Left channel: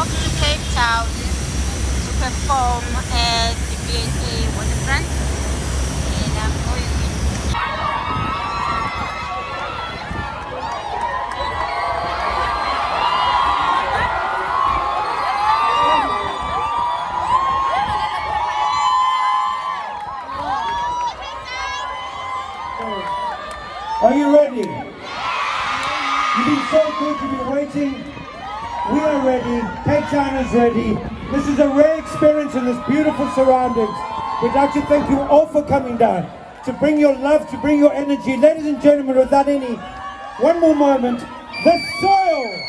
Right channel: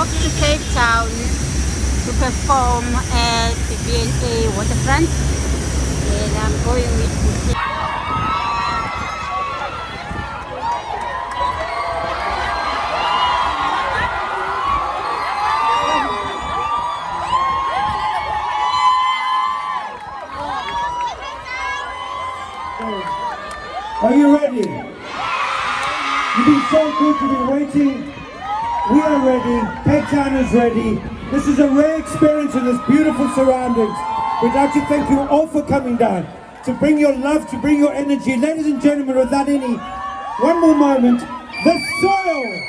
off to Cape Town to perform at the DNA waterfront, and I'm going with the Are you ready? You've been so good, you've been waiting. We are ready, Cape Town is ready. This is a rare experience in this beautiful surroundings. We'd like to thank you all for coming down, to bring your love, to bring your energy. Ladies and gentlemen, without any, one more moment, The Soil!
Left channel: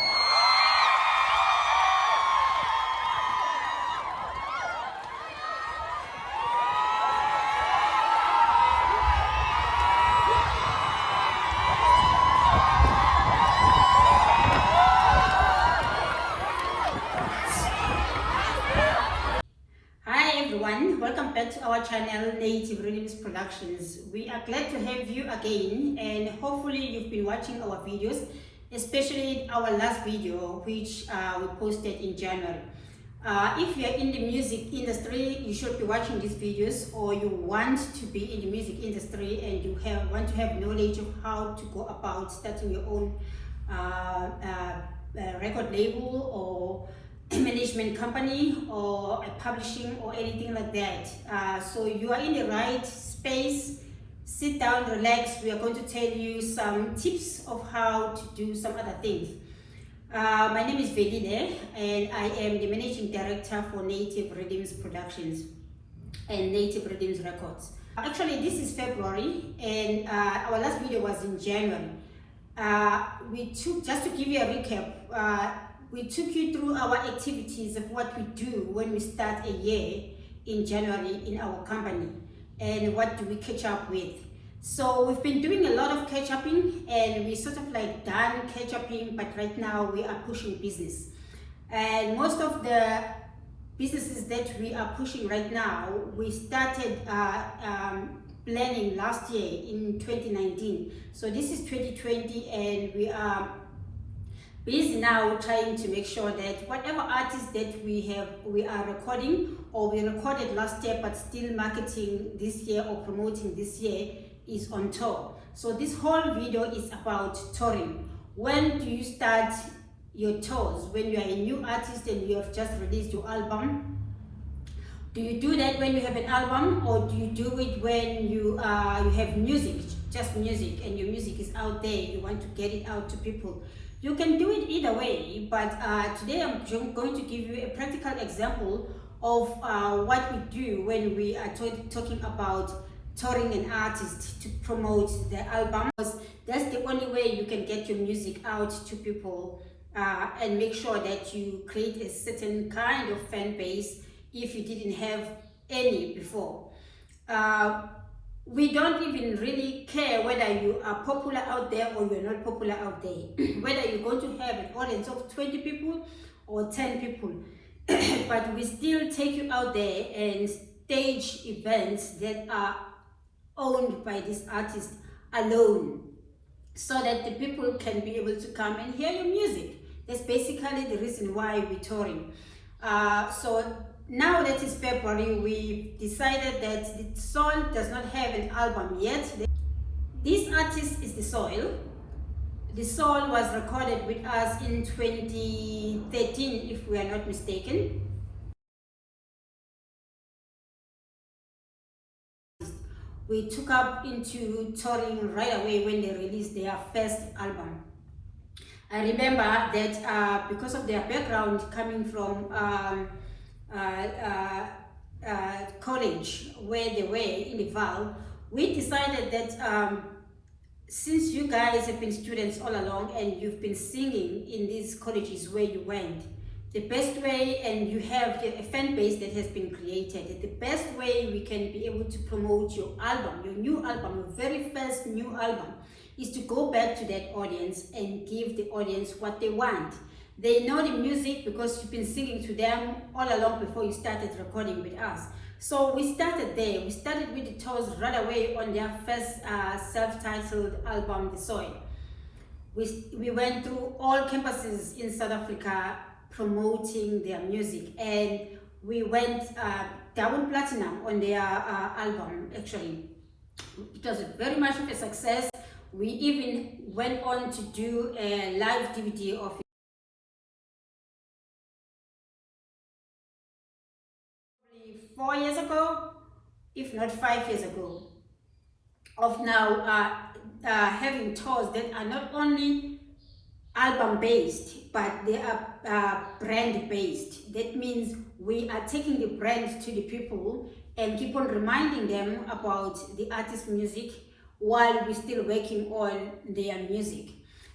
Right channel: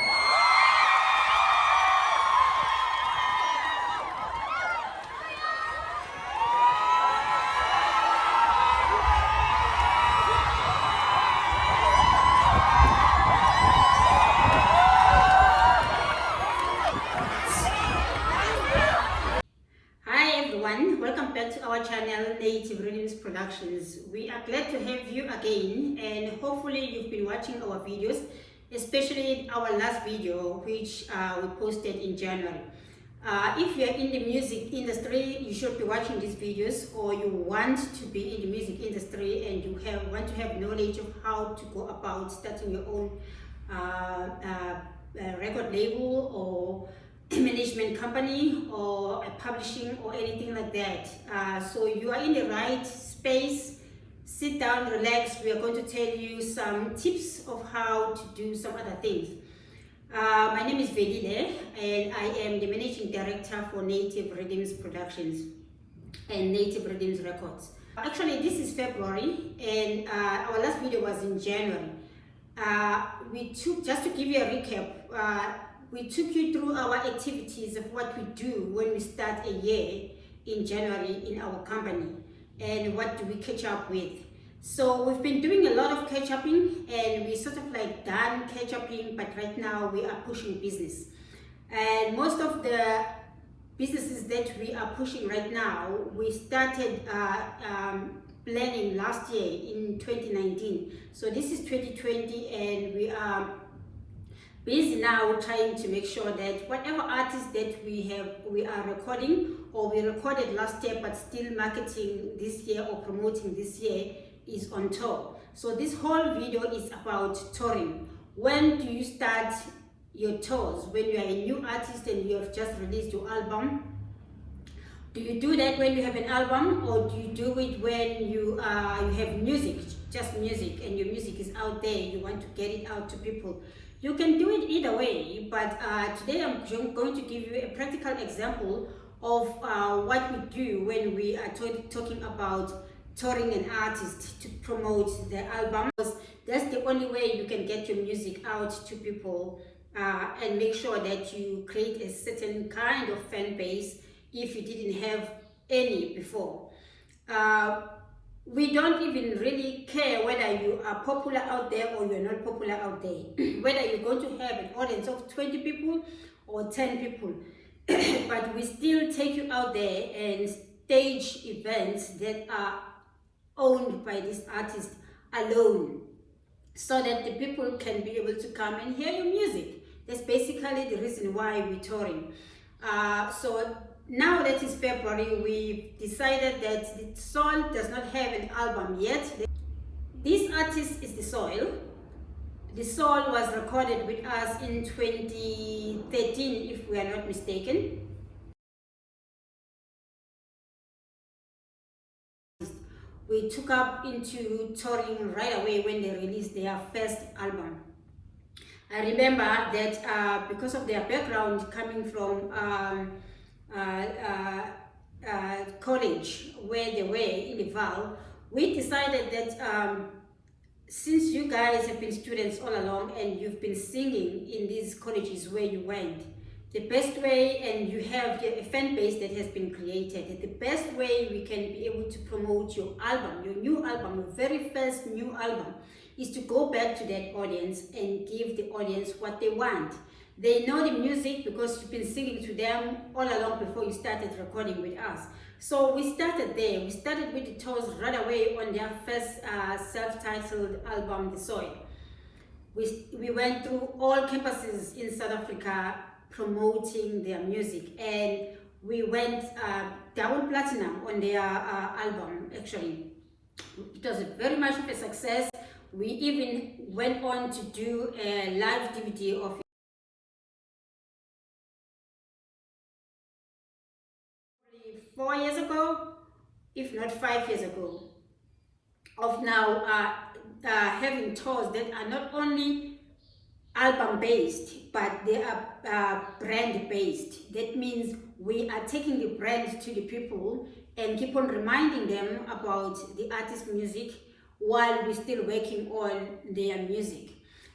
Welcome back to our channel, Native Rhythms Productions. We are glad to have you again, and hopefully you've been watching our videos, especially our last video which we posted in January. If you are in the music industry, you should be watching these videos, or you want to be in the music industry and you want to have knowledge of how to go about starting your own record label or management company or a publishing or anything like that. So you are in the right space. Sit down, relax. We are going to tell you some tips of how to do some other things. My name is Velile, and I am the managing director for Native Rhythms Productions and Native Rhythms Records. Actually, this is February, and our last video was in January. Just to give you a recap, we took you through our activities of what we do when we start a year in January in our company, and what do we catch up with. So we've been doing a lot of catch-upping, and we sort of like done catch-upping, but right now we are pushing business. And most of the businesses that we are pushing right now, we started planning last year in 2019. So this is 2020, and we are busy now trying to make sure that whatever artists that we are recording, or we recorded last year but still marketing this year or promoting this year, is on tour. So this whole video is about touring. When do you start your tours? When you are a new artist and you have just released your album? Do you do that when you have an album, or do you do it when you have music, just music, and your music is out there, you want to get it out to people? You can do it either way, but today I'm going to give you a practical example of what we do when we are talking about touring an artist to promote the album. That's the only way you can get your music out to people and make sure that you create a certain kind of fan base if you didn't have any before. We don't even really care whether you are popular out there or you're not popular out there, whether you're going to have an audience of 20 people or 10 people, but we still take you out there and stage events that are owned by this artist alone, so that the people can be able to come and hear your music. That's basically the reason why we're touring. So now that is February, we decided that The Soil does not have an album yet. This artist is The Soil. The Soil was recorded with us in 2013, if we are not mistaken. We took up into touring right away when they released their first album. I remember that because of their background coming from college where they were in the Val, we decided that since you guys have been students all along and you've been singing in these colleges where you went, the best way, and you have a fan base that has been created, the best way we can be able to promote your album, your new album, your very first new album, is to go back to that audience and give the audience what they want. They know the music because you've been singing to them all along before you started recording with us. So we started there. We started with the tours right away on their first self-titled album, The Soil. We went through all campuses in South Africa, promoting their music, and we went double platinum on their album. Actually, it was very much of a success. We even went on to do a live DVD of 4 years ago, if not 5 years ago, of now having tours that are not only album based, but they are brand based. That means we are taking the brand to the people and keep on reminding them about the artist's music while we're still working on their music.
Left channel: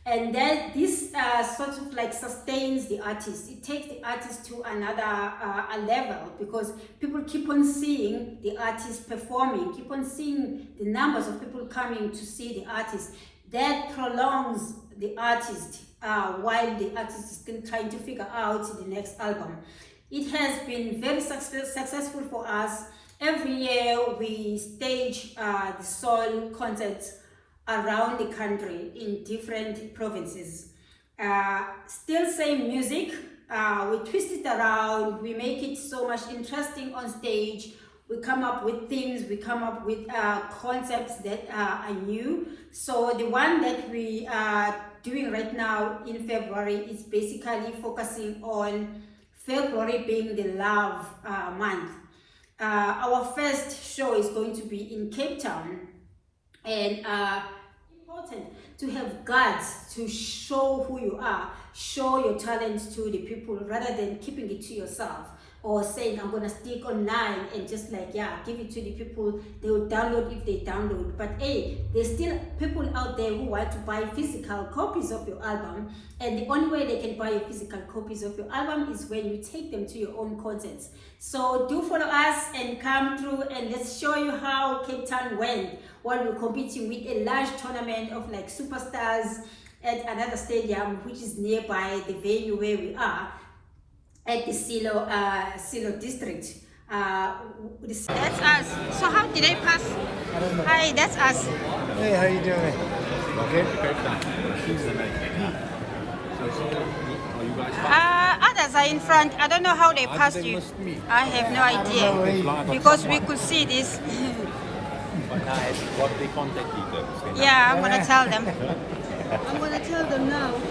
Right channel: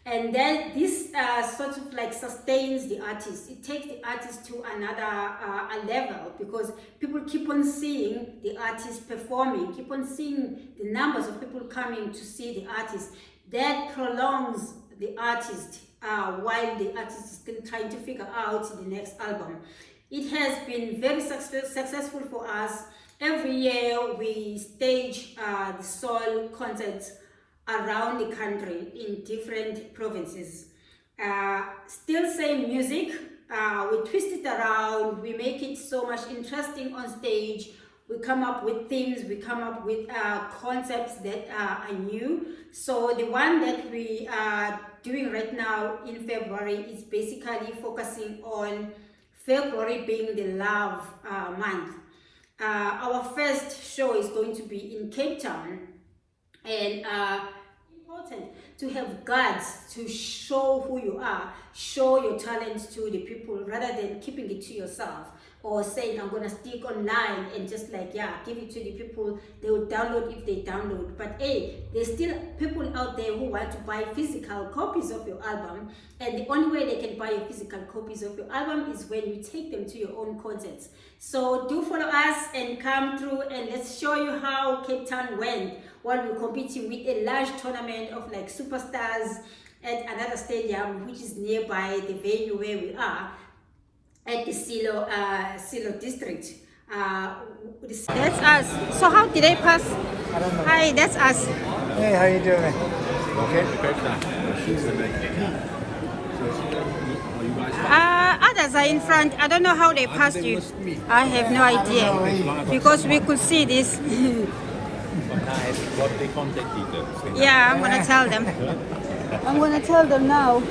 And then this sort of like sustains the artist. It takes the artist to another a level, because people keep on seeing the artist performing, keep on seeing the numbers of people coming to see the artist. That prolongs the artist while the artist is still trying to figure out the next album. It has been very successful for us. Every year we stage the soul concerts around the country in different provinces. Still same music, we twist it around, we make it so much interesting on stage. We come up with things, we come up with concepts that are new. So the one that we are doing right now in February is basically focusing on February being the love month. Our first show is going to be in Cape Town, and important to have guts to show who you are, show your talent to the people, rather than keeping it to yourself or saying I'm gonna stick online and just like, yeah, give it to the people, they will download if they download. But hey, there's still people out there who want to buy physical copies of your album, and the only way they can buy physical copies of your album is when you take them to your own concerts. So do follow us and come through, and let's show you how Cape Town went while we're competing with a large tournament of like superstars at another stadium which is nearby the venue where we are at the Silo district. That's us. So how did they pass? Hi, that's us. Hey, how you doing? Welcome to Cape Town. Others are in front. I don't know how they passed you. I have no idea, because we could see this. What they contact details. Yeah, I'm gonna tell them. I'm gonna tell them now.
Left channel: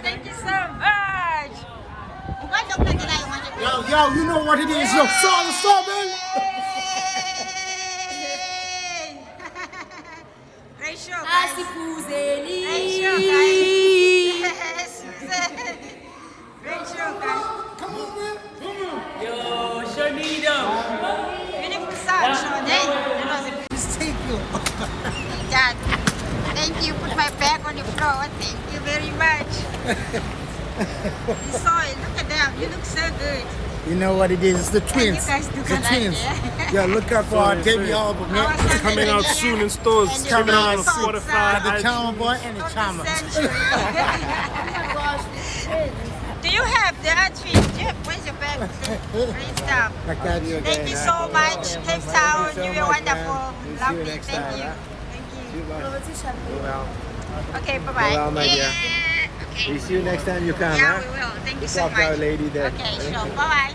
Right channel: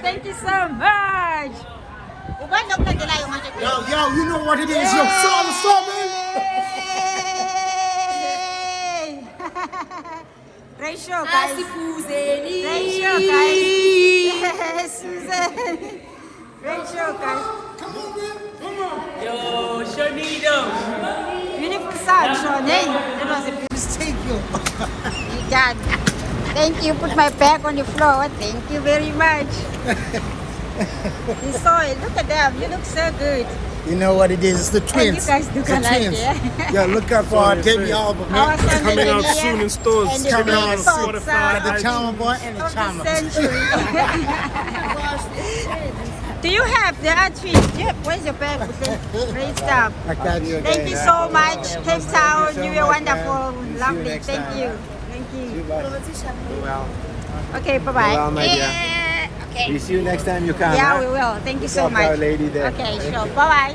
Thank you so much. Yo, you know what it is. Yo, so, man. Great show, guys. Great show, guys. Yes, Susan. Great show, guys. Come on, man. Come on. Yo, show me though. Beautiful sound, Sean. Hey, that was a Just take you. You got it. Thank you. Put my bag on the floor. Thank you very much. We saw it. Look at them. You look so good. You know what it is? It's the twins. you guys look the alike, twins. yeah. Yeah, look out for our debut album. Our Man. son coming is out here, soon in stores. and the Coming big out folks Spotify, are The Charmer Boy and the of the Charmer. century. Do you have the outfit? Yeah, where's your bag? Great stuff. I got you. Thank you so much, Cape Town. You were wonderful, lovely. Thank you. Thank you. Okay, bye bye. Well, my dear. Yeah. Okay. We see you next time you come. Yeah, huh? we will. Thank you so Look out for much. our lady there. Okay, sure. Bye bye.